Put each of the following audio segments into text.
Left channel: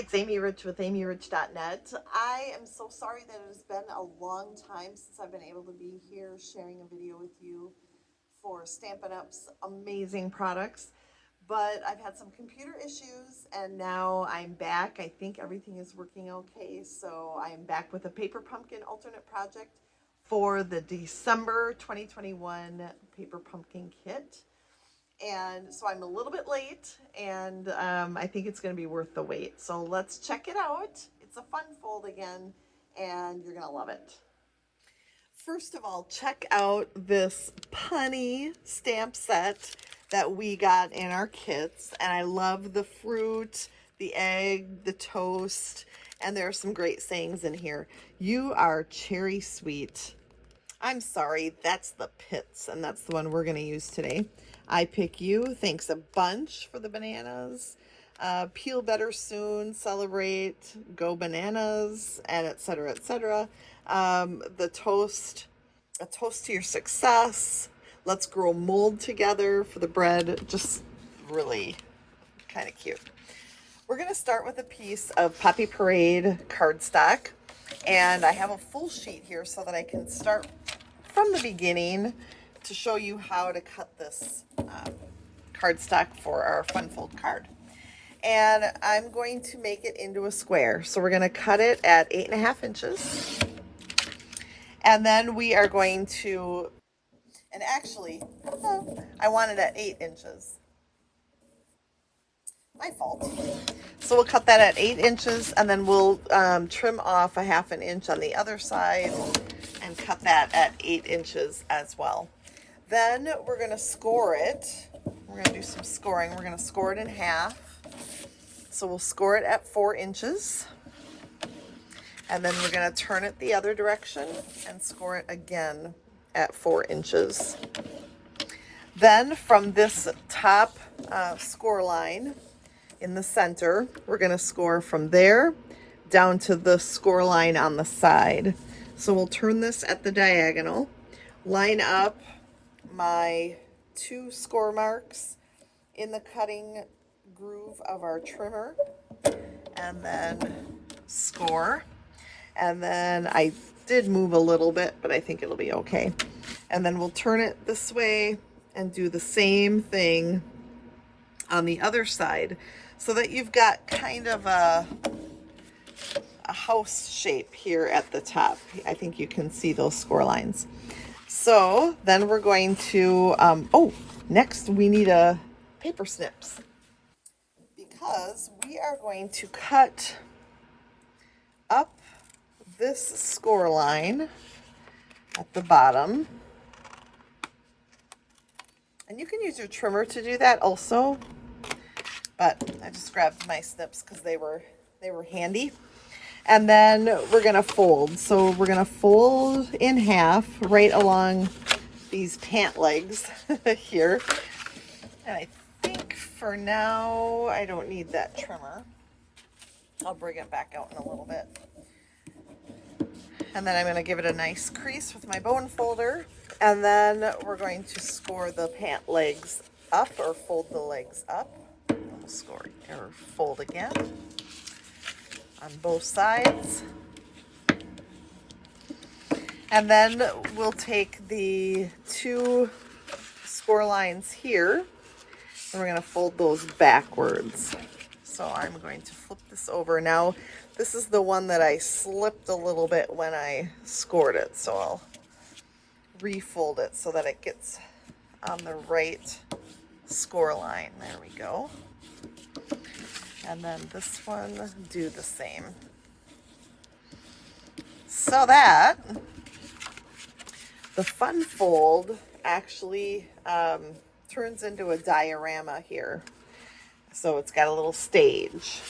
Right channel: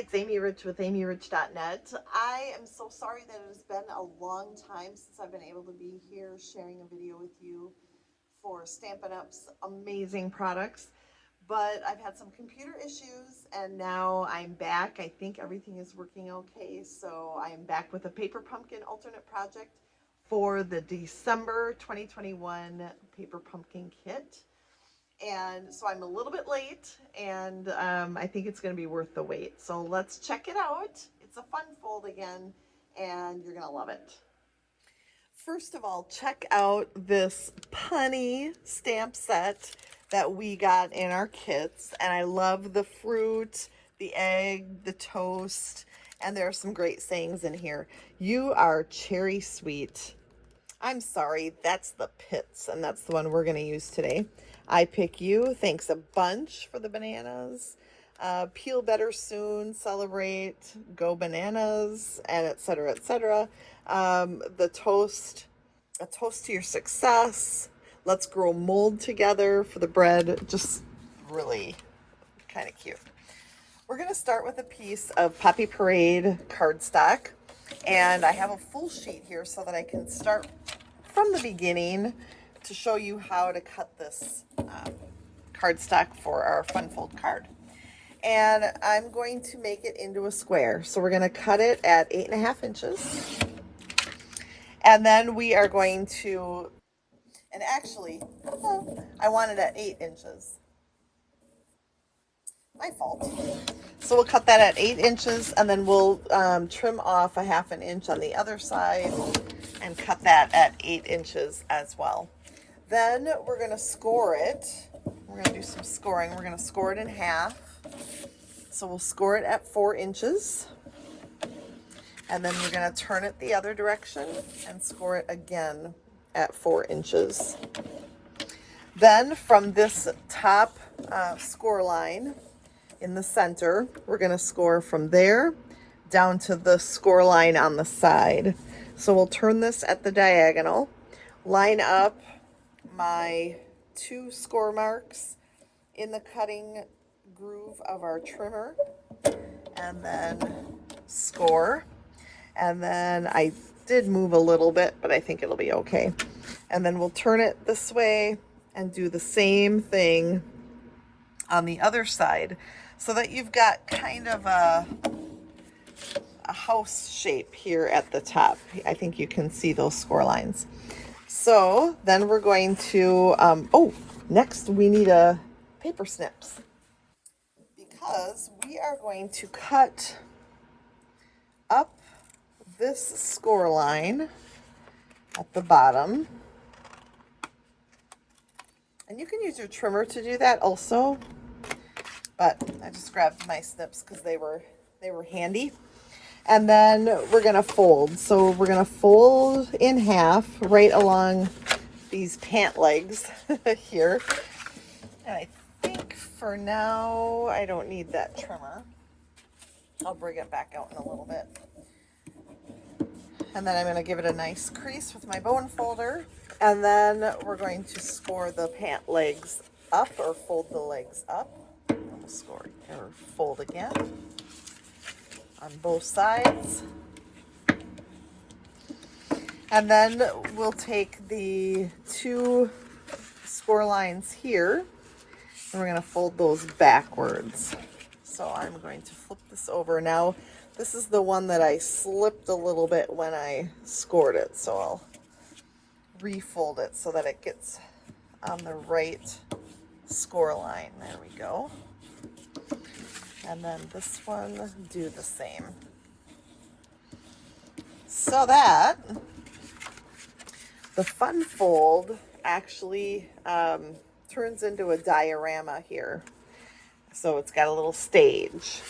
it's Amy Rich with amyrich.net. I am so sorry that it has been a long time since I've been able to be here sharing a video with you for Stampin' Up's amazing products. But I've had some computer issues and now I'm back. I think everything is working okay. So I'm back with a paper pumpkin alternate project for the December 2021 paper pumpkin kit. And so I'm a little bit late, and I think it's going to be worth the wait. So let's check it out. It's a fun fold again, and you're going to love it. First of all, check out this punny stamp set that we got in our kits. And I love the fruit, the egg, the toast, and there are some great sayings in here. You are cherry sweet. I'm sorry, that's the pits, and that's the one we're going to use today. I pick you. Thanks a bunch for the bananas. Peel better soon. Celebrate. Go bananas. And etc. etc. The toast. A toast to your success. Let's grow mold together for the bread. Just really kind of cute. We're going to start with a piece of Poppy Parade cardstock. And I have a full sheet here so that I can start from the beginning to show you how to cut this cardstock for our fun fold card. And I'm going to make it into a square. So we're going to cut it at 8.5 inches. And then we are going to, and actually, I want it at 8 inches. My fault. So we'll cut that at 8 inches, and then we'll trim off a 1/2 inch on the other side and cut that at 8 inches as well. Then we're going to score it. We're going to do some scoring. We're going to score it in half. So we'll score it at 4 inches. And then we're going to turn it the other direction and score it again at 4 inches. Then from this top score line in the center, we're going to score from there down to the score line on the side. So we'll turn this at the diagonal, line up my 2 score marks in the cutting groove of our trimmer, and then score. And then I did move a little bit, but I think it'll be okay. And then we'll turn it this way and do the same thing on the other side so that you've got kind of a house shape here at the top. I think you can see those score lines. So then we're going to, next we need a paper snips, because we are going to cut up this score line at the bottom. And you can use your trimmer to do that also, but I just grabbed my snips because they were handy. And then we're going to fold. So we're going to fold in half right along these pant legs here. And I think for now, I don't need that trimmer. I'll bring it back out in a little bit. And then I'm going to give it a nice crease with my bone folder. And then we're going to score the pant legs up, or fold the legs up. We'll score or fold again on both sides. And then we'll take the 2 score lines here and we're going to fold those backwards. So I'm going to flip this over. Now this is the one that I slipped a little bit when I scored it, so I'll refold it so that it gets on the right score line. There we go. And then this one, do the same. So that the fun fold actually turns into a diorama here. So it's got a little stage,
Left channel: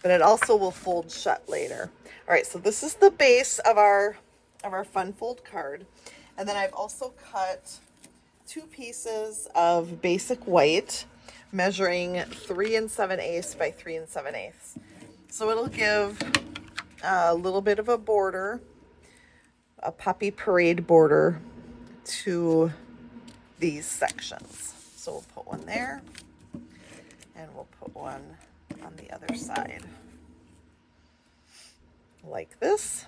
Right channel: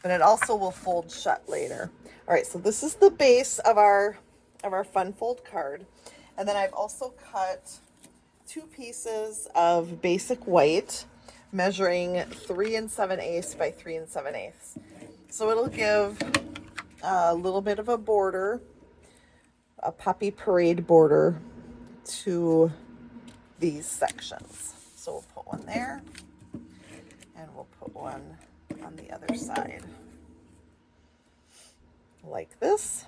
but it also will fold shut later. All right, so this is the base of our fun fold card. And then I've also cut 2 pieces of basic white, measuring 3 7/8 by 3 7/8. So it'll give a little bit of a border, a Poppy Parade border to these sections. So we'll put one there, and we'll put one on the other side. like this.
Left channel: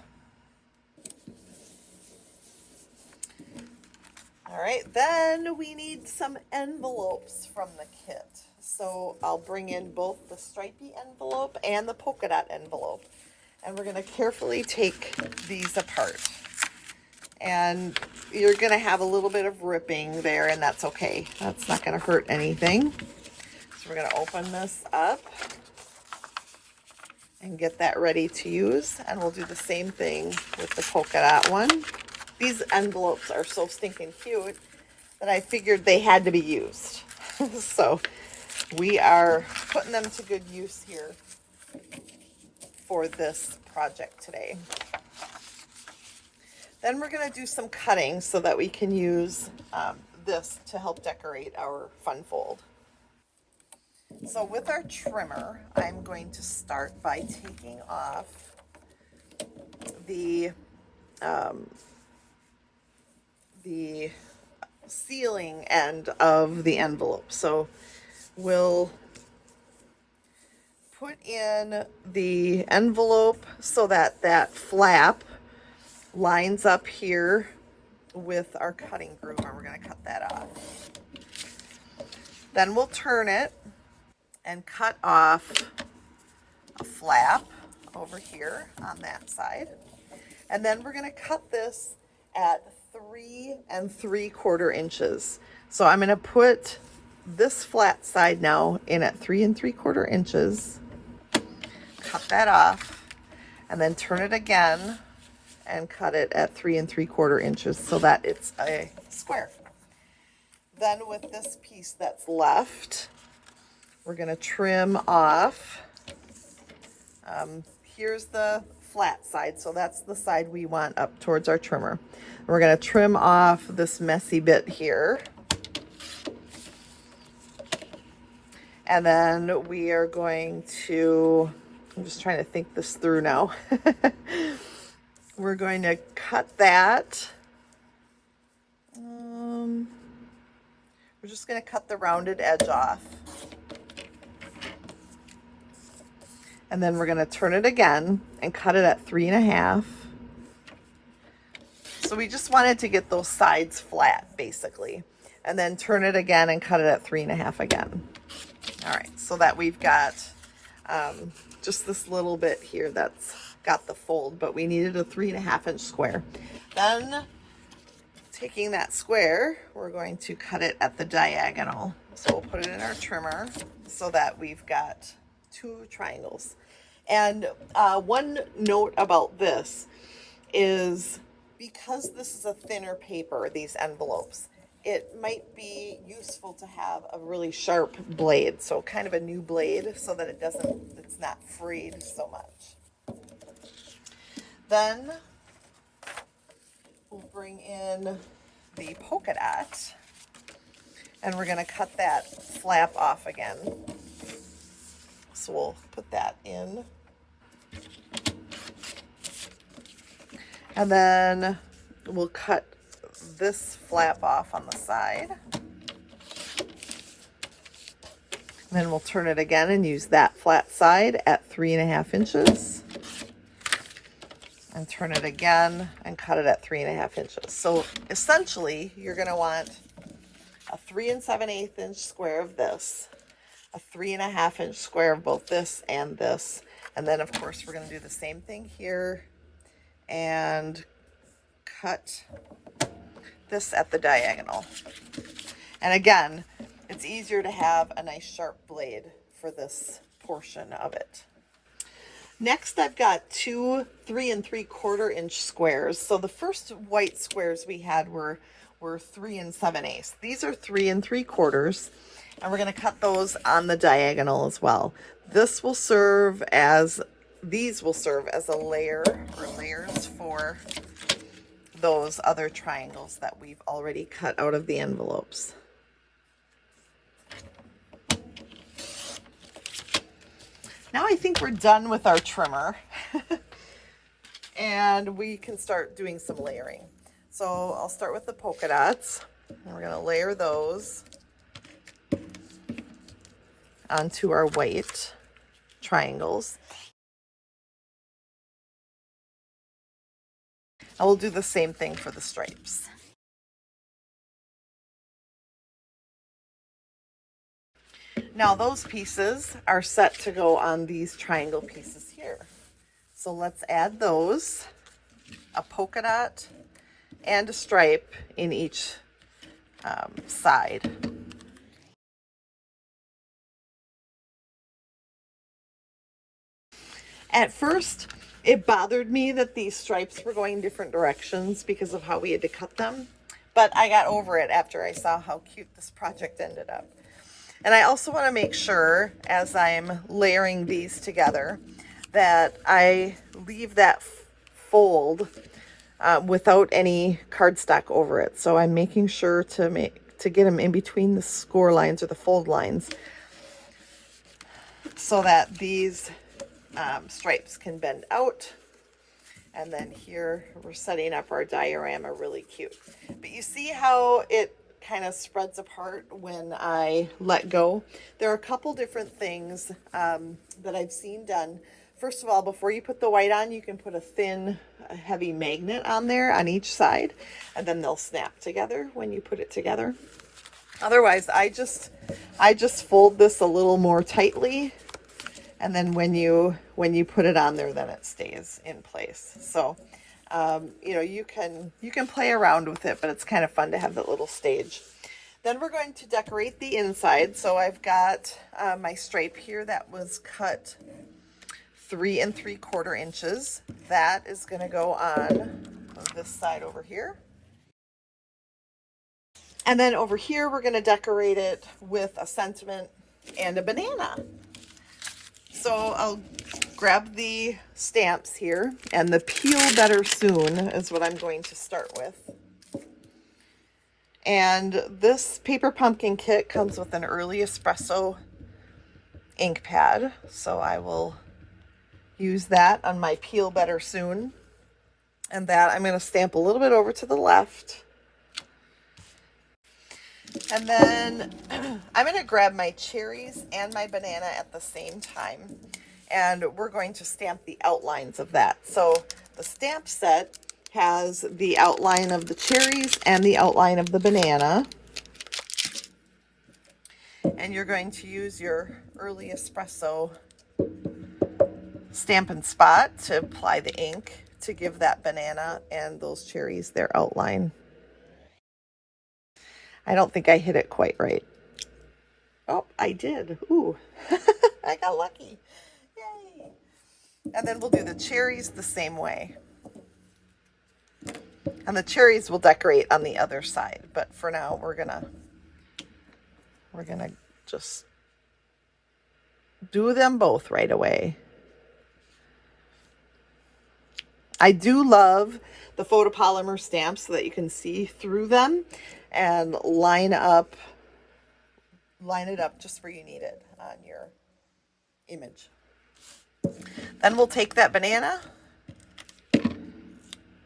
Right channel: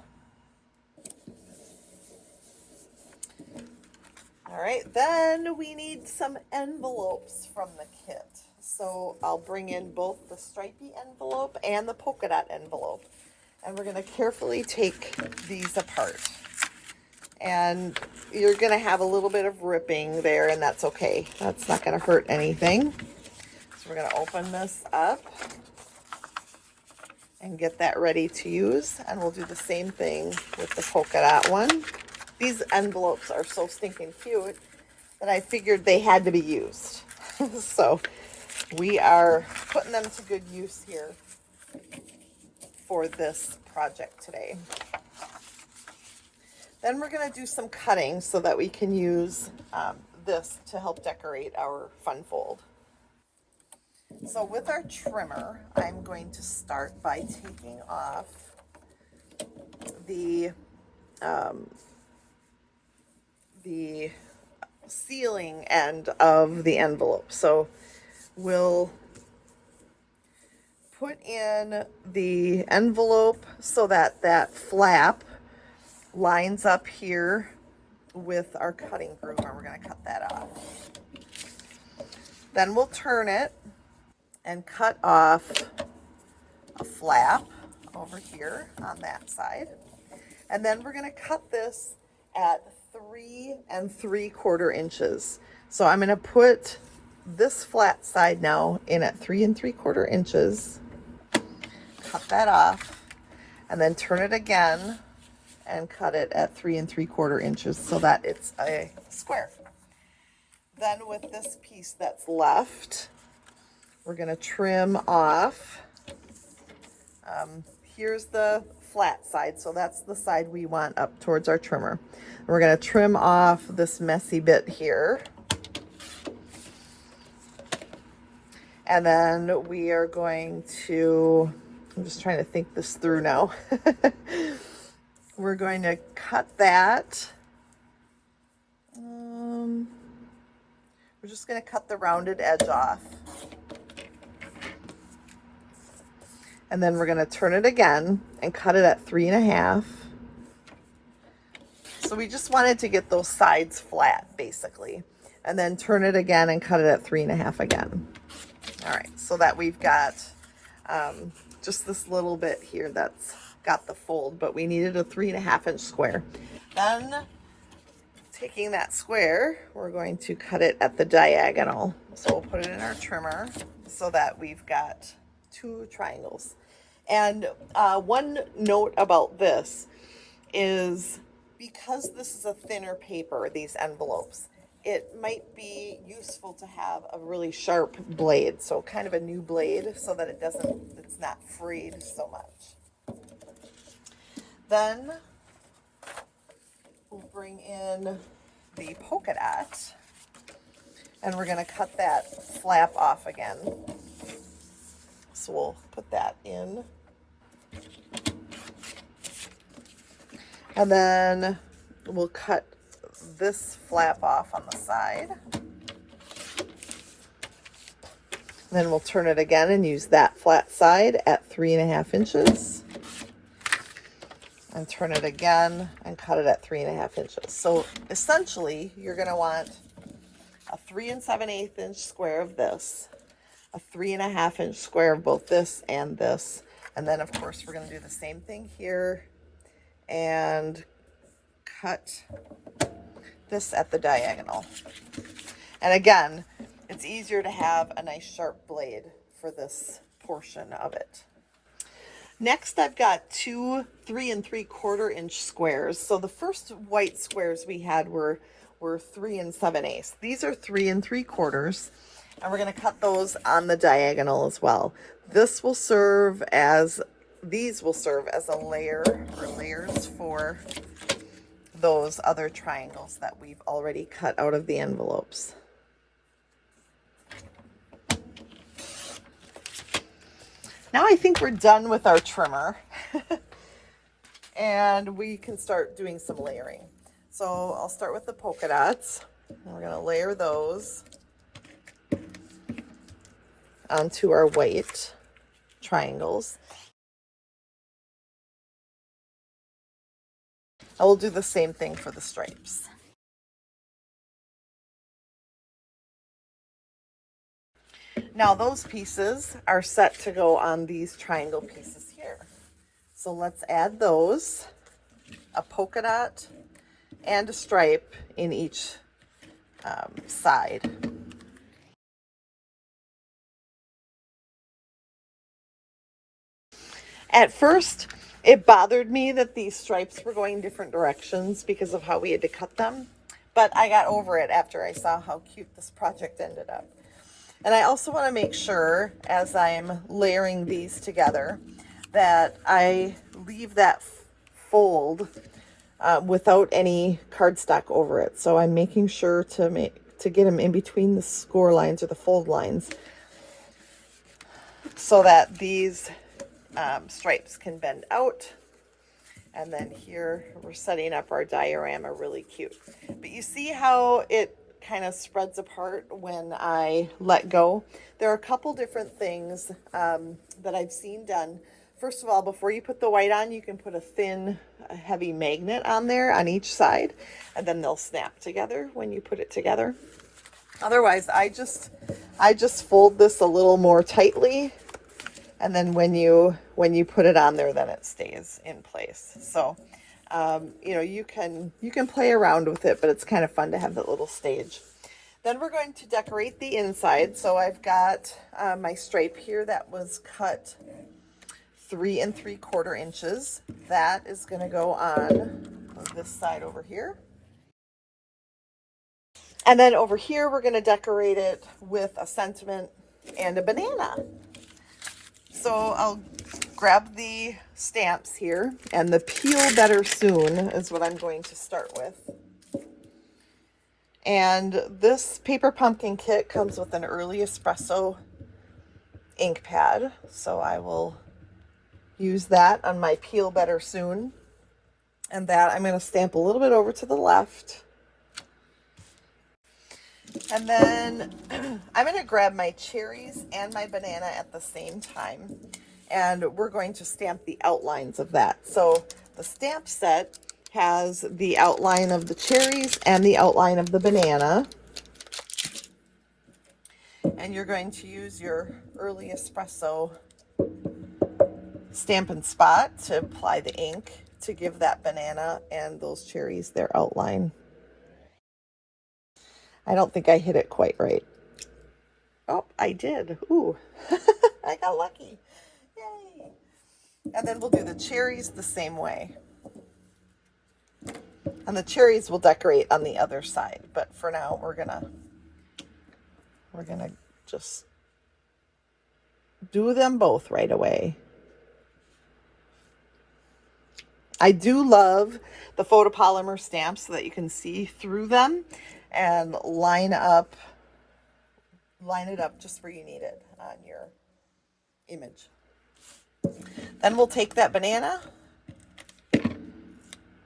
All right, then we need some envelopes from the kit. So I'll bring in both the stripy envelope and the polka dot envelope. And we're gonna carefully take these apart. And you're gonna have a little bit of ripping there, and that's okay. That's not gonna hurt anything. So we're gonna open this up and get that ready to use. And we'll do the same thing with the polka dot one. These envelopes are so stinking cute that I figured they had to be used. So we are putting them to good use here for this project today. Then we're going to do some cutting so that we can use this to help decorate our fun fold. So with our trimmer, I'm going to start by taking off the sealing end of the envelope. So we'll put in the envelope so that that flap lines up here with our cutting groove, and we're going to cut that off. Then we'll turn it and cut off a flap over here on that side. And then we're going to cut this at 3 3/4 inches. So I'm going to put this flat side now in at 3 3/4 inches. Cut that off and then turn it again and cut it at 3 3/4 inches so that it's a square. Then with this piece that's left, we're going to trim off. Here's the flat side, so that's the side we want up towards our trimmer. We're going to trim off this messy bit here. And then we are going to, I'm just trying to think this through now. We're going to cut that. We're just going to cut the rounded edge off. And then we're going to turn it again and cut it at 3 1/2. So we just wanted to get those sides flat, basically. And then turn it again and cut it at 3 1/2 again. All right, so that we've got just this little bit here that's got the fold, but we needed a 3 1/2 inch square. Then taking that square, we're going to cut it at the diagonal. So we'll put it in our trimmer so that we've got 2 triangles. And one note about this is because this is a thinner paper, these envelopes, it might be useful to have a really sharp blade, so kind of a new blade so that it's not frayed so much. Then we'll bring in the polka dot and we're going to cut that flap off again. So we'll put that in. And then we'll cut this flap off on the side. And then we'll turn it again and use that flat side at 3 1/2 inches. And turn it again and cut it at 3 1/2 inches. So essentially, you're going to want a 3 7/8 inch square of this, a 3 1/2 inch square of both this and this. And then, of course, we're going to do the same thing here and cut this at the diagonal. And again, it's easier to have a nice sharp blade for this portion of it. Next, I've got 2 3 3/4 inch squares. So the first white squares we had were 3 7/8. These are 3 3/4, and we're going to cut those on the diagonal as well. These will serve as a layer or layers for those other triangles that we've already cut out of the envelopes. Now I think we're done with our trimmer and we can start doing some layering. So I'll start with the polka dots. And we're going to layer those onto our white triangles. I will do the same thing for the stripes. Now those pieces are set to go on these triangle pieces here. So let's add those, a polka dot and a stripe in each side. At first, it bothered me that these stripes were going different directions because of how we had to cut them. But I got over it after I saw how cute this project ended up. And I also want to make sure, as I'm layering these together, that I leave that fold without any cardstock over it. So I'm making sure to get them in between the score lines or the fold lines so that these stripes can bend out. And then here we're setting up our diorama really cute. But you see how it kind of spreads apart when I let go? There are a couple different things that I've seen done. First of all, before you put the white on, you can put a thin, heavy magnet on there on each side, and then they'll snap together when you put it together. Otherwise, I just fold this a little more tightly, and then when you put it on there, then it stays in place. So, you know, you can play around with it, but it's kind of fun to have that little stage. Then we're going to decorate the inside. So I've got my stripe here that was cut 3 3/4 inches. That is going to go on this side over here. And then over here, we're going to decorate it with a sentiment and a banana. So I'll grab the stamps here, and the Peel Better Soon is what I'm going to start with. And this paper pumpkin kit comes with an early espresso ink pad, so I will use that on my Peel Better Soon. And that I'm going to stamp a little bit over to the left. And then I'm going to grab my cherries and my banana at the same time. And we're going to stamp the outlines of that. So the stamp set has the outline of the cherries and the outline of the banana. And you're going to use your early espresso Stampin' Spot to apply the ink to give that banana and those cherries their outline. I don't think I hit it quite right. Oh, I did. Ooh, I got lucky. Yay. And then we'll do the cherries the same way. And the cherries will decorate on the other side. But for now, we're gonna just do them both right away. I do love the photopolymer stamps so that you can see through them and line it up just where you need it on your image. Then we'll take that banana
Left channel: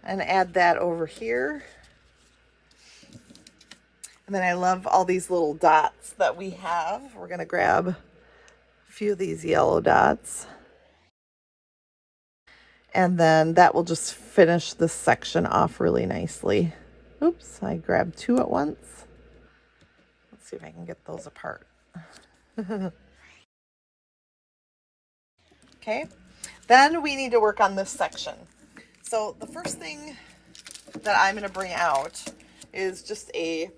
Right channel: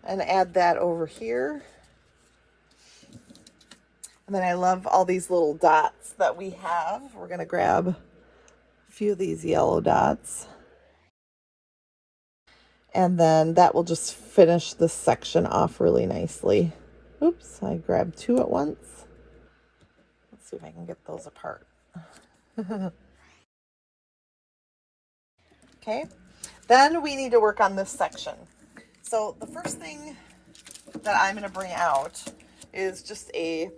and add that over here. And then I love all these little dots that we have. We're going to grab a few of these yellow dots. And then that will just finish this section off really nicely. Oops, I grabbed 2 at once. Let's see if I can get those apart. Okay, then we need to work on this section. So the first thing that I'm going to bring out is just a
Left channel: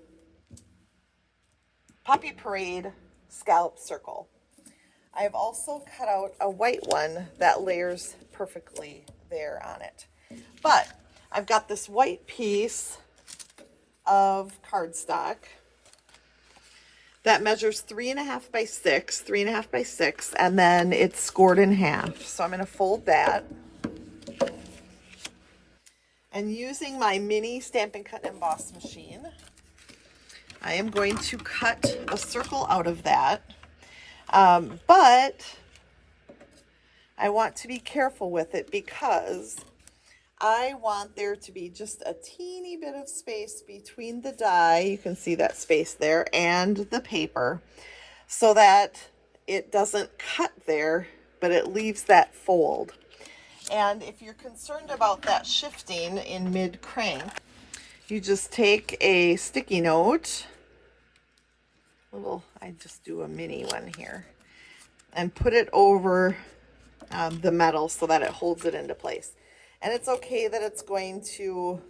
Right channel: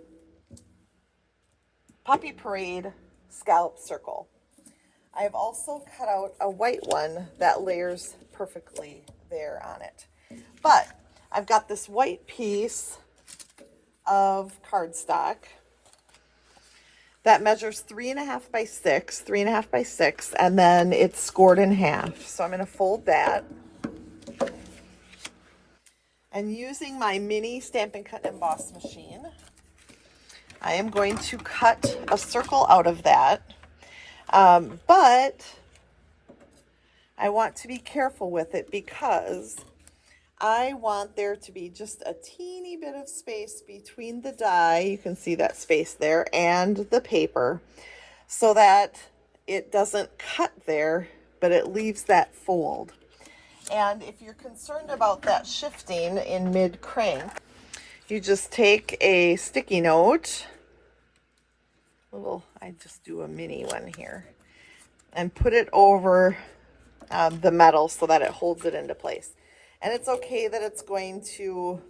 Poppy Parade scallop circle. I've also cut out a white one that layers perfectly there on it. But I've got this white piece of cardstock that measures 3.5 by 6, 3.5 by 6, and then it's scored in half. So I'm going to fold that. And using my mini Stampin' Cut Emboss machine, I am going to cut a circle out of that. But I want to be careful with it because I want there to be just a teeny bit of space between the die, you can see that space there, and the paper, so that it doesn't cut there, but it leaves that fold. And if you're concerned about that shifting in mid-crank, you just take a sticky note, I just do a mini one here, and put it over the metal so that it holds it into place. And it's okay that it's going to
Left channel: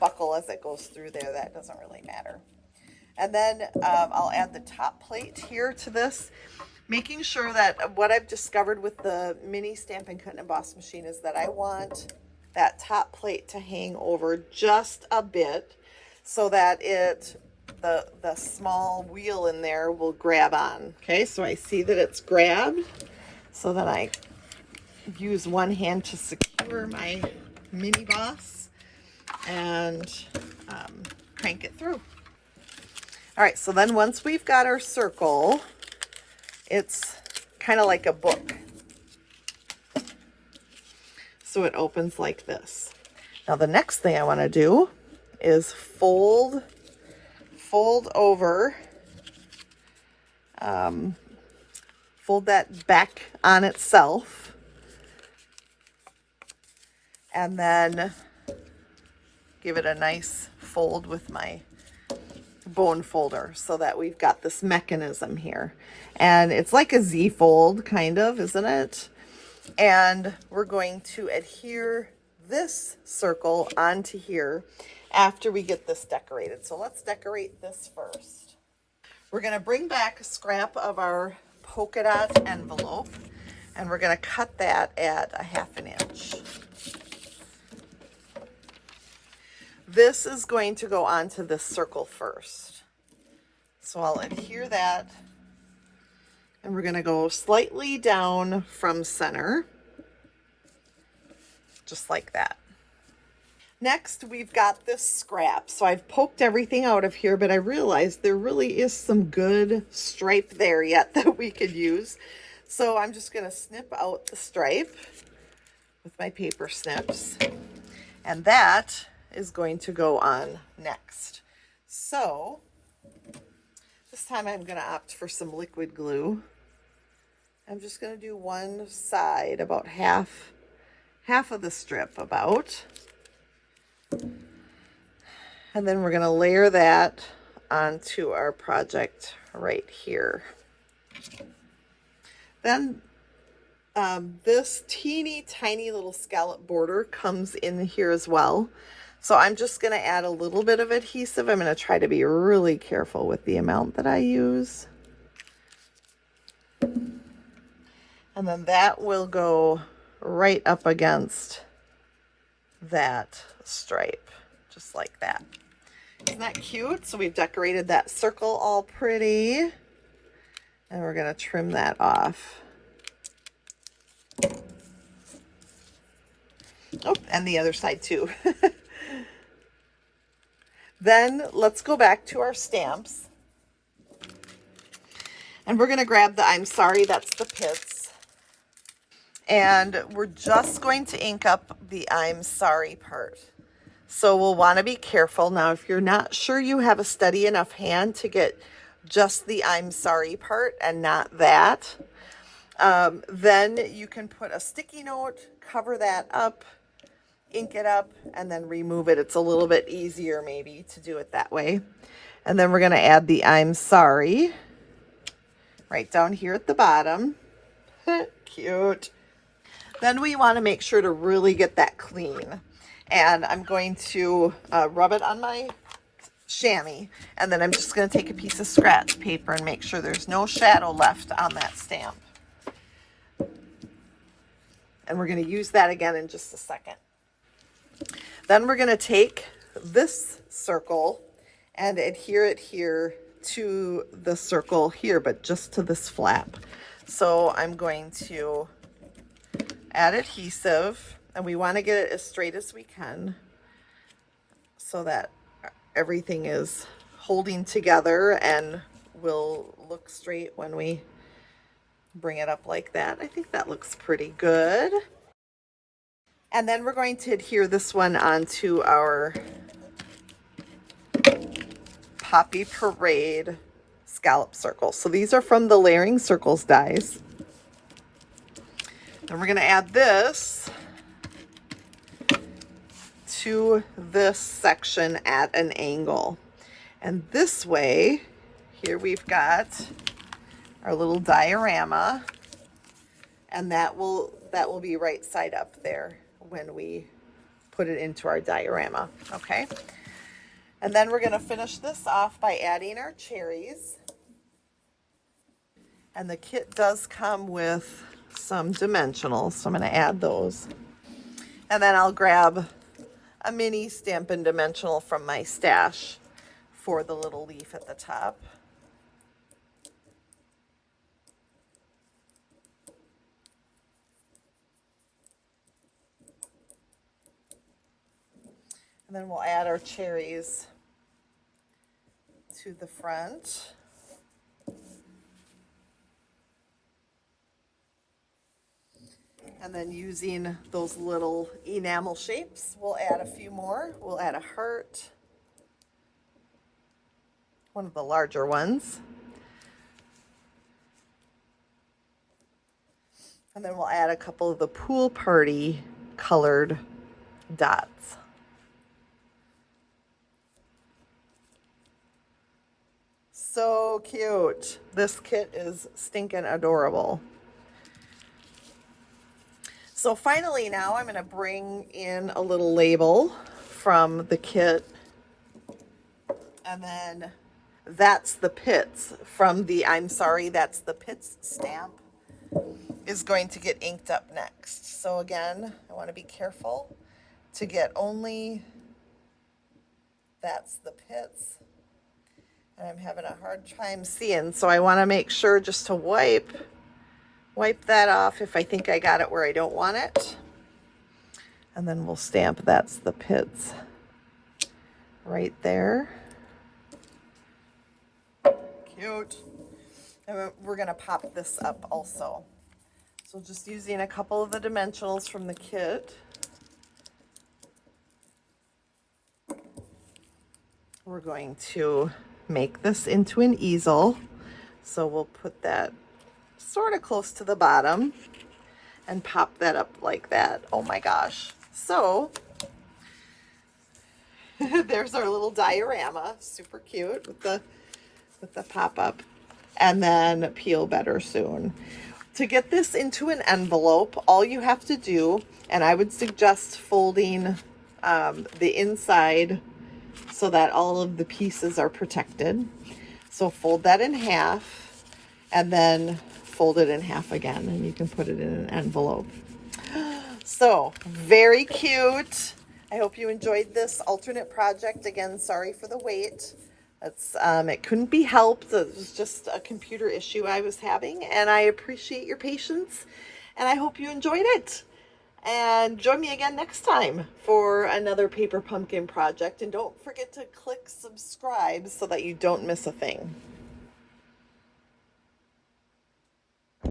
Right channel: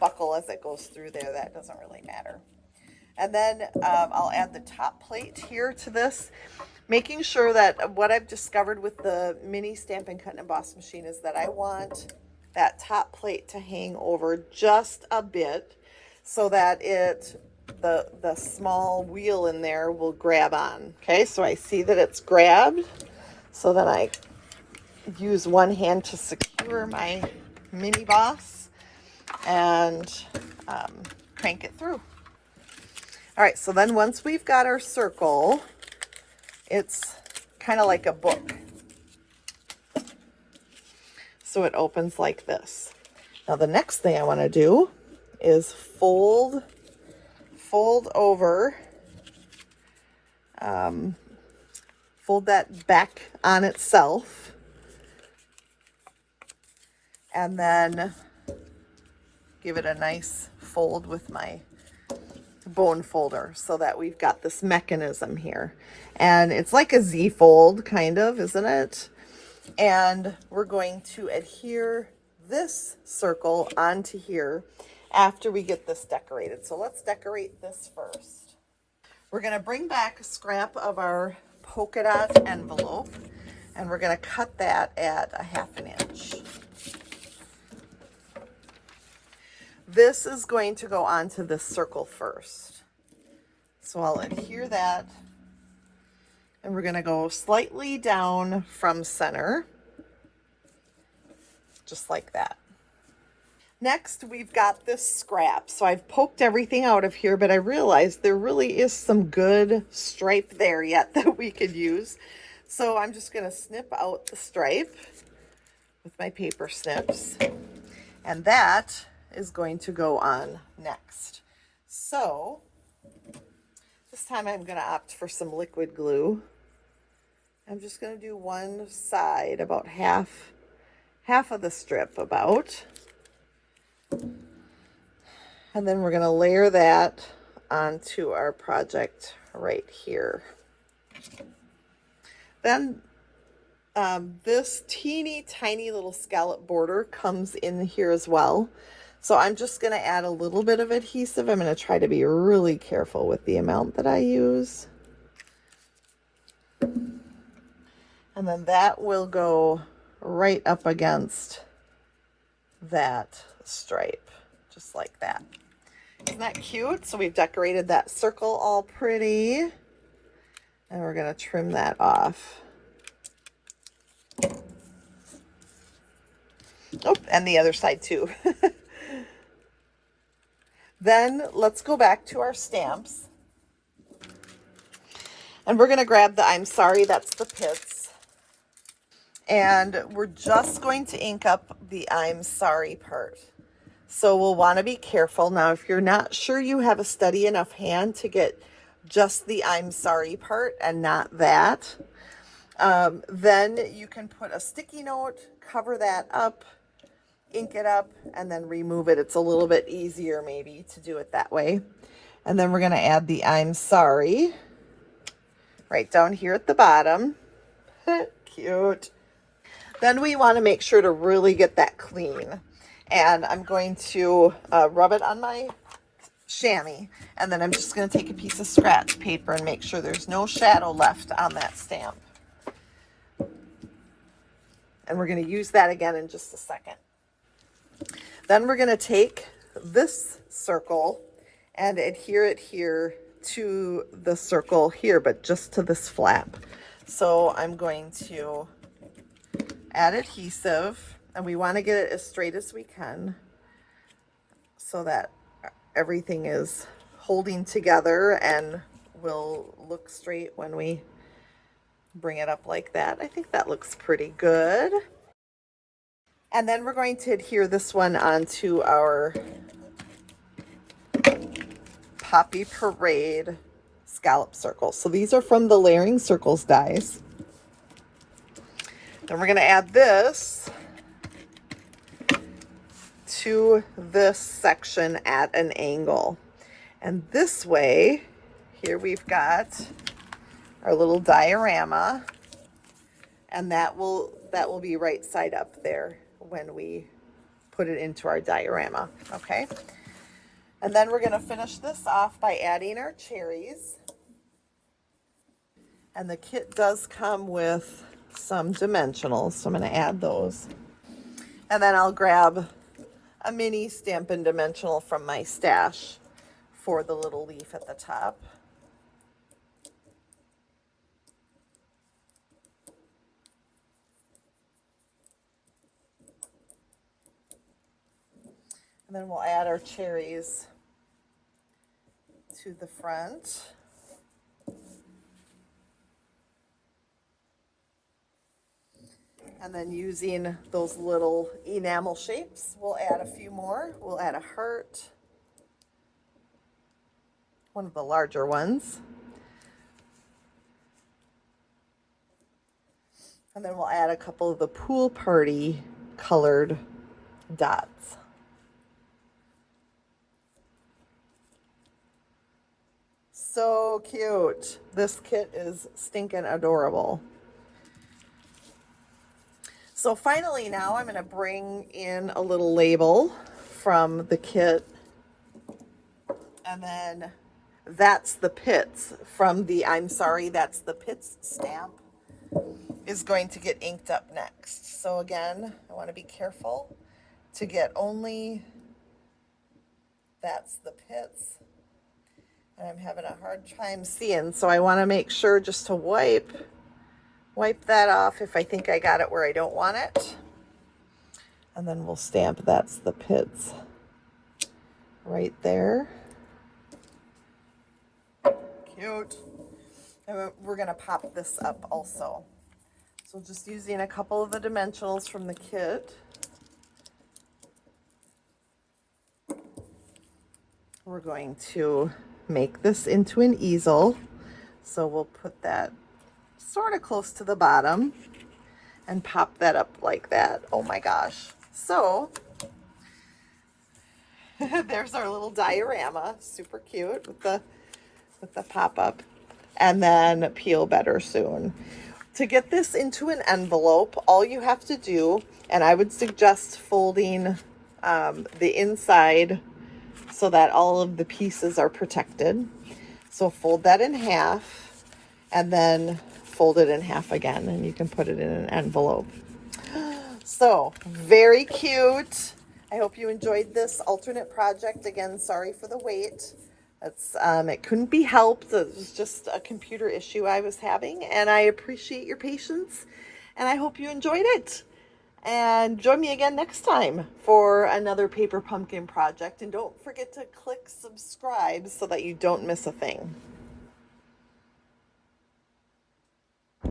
buckle as it goes through there. That doesn't really matter. And then I'll add the top plate here to this, making sure that what I've discovered with the mini Stampin' Cut and Emboss machine is that I want that top plate to hang over just a bit so that the small wheel in there will grab on. Okay, so I see that it's grabbed, so then I use one hand to secure my mini boss and crank it through. All right, so then once we've got our circle, it's kind of like a book. So it opens like this. Now the next thing I want to do is fold over, fold that back on itself, and then give it a nice fold with my bone folder so that we've got this mechanism here. And it's like a Z fold, kind of, isn't it? And we're going to adhere this circle onto here after we get this decorated. So let's decorate this first. We're going to bring back a scrap of our polka dot envelope, and we're going to cut that at a 1/2 inch. This is going to go onto this circle first. So I'll adhere that, and we're going to go slightly down from center, just like that. Next, we've got this scrap. So I've poked everything out of here, but I realized there really is some good stripe there yet that we could use. So I'm just going to snip out the stripe with my paper snips, and that is going to go on next. So this time I'm going to opt for some liquid glue. I'm just going to do one side, about half of the strip about. And then we're going to layer that onto our project right here. Then this teeny tiny little scallop border comes in here as well. So I'm just going to add a little bit of adhesive. I'm going to try to be really careful with the amount that I use. And then that will go right up against that stripe, just like that. Isn't that cute? So we've decorated that circle all pretty, and we're going to trim that off. Oh, and the other side too. Then let's go back to our stamps, and we're going to grab the I'm sorry, that's the pits, and we're just going to ink up the I'm sorry part. So we'll want to be careful. Now, if you're not sure you have a steady enough hand to get just the I'm sorry part and not that, then you can put a sticky note, cover that up, ink it up, and then remove it. It's a little bit easier maybe to do it that way. And then we're going to add the I'm sorry right down here at the bottom. Cute. Then we want to make sure to really get that clean. And I'm going to rub it on my chamois, and then I'm just going to take a piece of scratch paper and make sure there's no shadow left on that stamp. And we're going to use that again in just a second. Then we're going to take this circle and adhere it here to the circle here, but just to this flap. So I'm going to add adhesive, and we want to get it as straight as we can so that everything is holding together and will look straight when we bring it up like that. I think that looks pretty good. And then we're going to adhere this one onto our Poppy Parade scallop circle. So these are from the Layering Circles dies. Then we're going to add this to this section at an angle. And this way, here we've got our little diorama, and that will be right side up there when we put it into our diorama, okay? And then we're gonna finish this off by adding our cherries. And the kit does come with some dimensionals, so I'm gonna add those. And then I'll grab a mini Stampin' dimensional from my stash for the little leaf at the top. And then we'll add our cherries to the front. And then using those little enamel shapes, we'll add a few more. We'll add a heart, one of the larger ones. And then we'll add a couple of the pool party colored dots. So cute. This kit is stinking adorable. So finally now I'm going to bring in a little label from the kit, and then that's the pits from the I'm sorry, that's the pits stamp is going to get inked up next. So again, I want to be careful to get only that's the pits, and I'm having a hard time seeing, so I want to make sure just to wipe that off if I think I got it where I don't want it. And then we'll stamp that's the pits right there. Cute. And we're gonna pop this up also. So just using a couple of the dimensionals from the kit. We're going to make this into an easel. So we'll put that sort of close to the bottom and pop that up like that. Oh my gosh. So there's our little diorama, super cute with the pop-up, and then peel better soon. To get this into an envelope, all you have to do, and I would suggest folding the inside so that all of the pieces are protected. So fold that in half and then fold it in half again, and you can put it in an envelope. So very cute. I hope you enjoyed this alternate project. Again, sorry for the wait. It's it couldn't be helped. It was just a computer issue I was having, and I appreciate your patience, and I hope you enjoyed it. And join me again next time for another paper pumpkin project, and don't forget to click subscribe so that you don't miss a thing.